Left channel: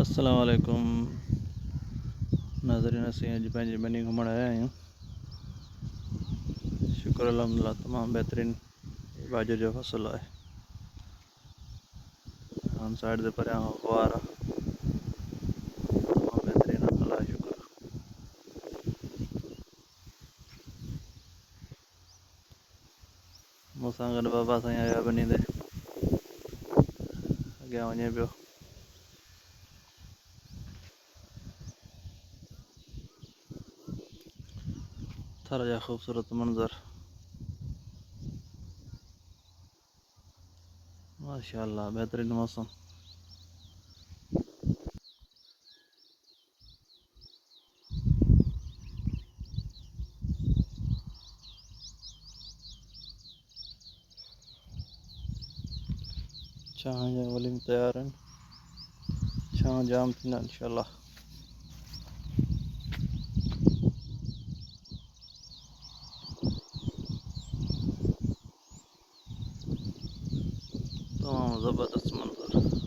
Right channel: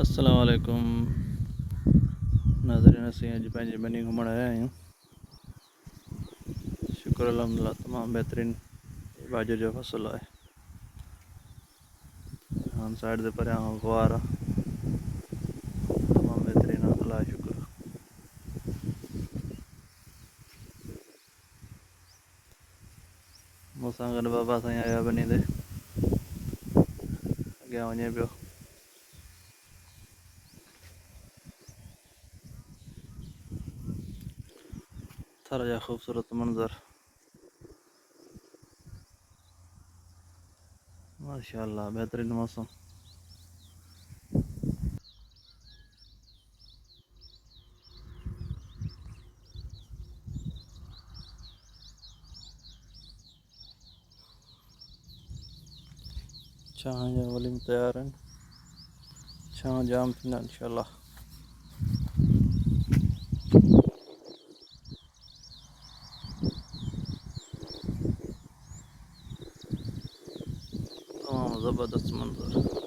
अस्सलाम वालेकुम नाज़रीन। असीं अॼु पंहिंजी बनी घुमण आया आहियूं। शुक्र अल्हम्दुलिल्लाह तमामु बहितरीन बाजू जो फ़सुलु आहे। हाणे साइड ते परियां खां ग़वार आहे, तमामु बहितरीन आहे। अलाह शुक्र। मूंसां गॾु बाबा साईं आया बनी ते, अॻियां वञे पियो। थर जा ख़ूबसूरत मंज़र, माशाअल्लाह बहितरीन मौसम। चांहि जा वलीम तयारु आहिनि, छांव जाम थींदा इंशाअल्लाह। तमामु ज़बरदस्त मंज़र।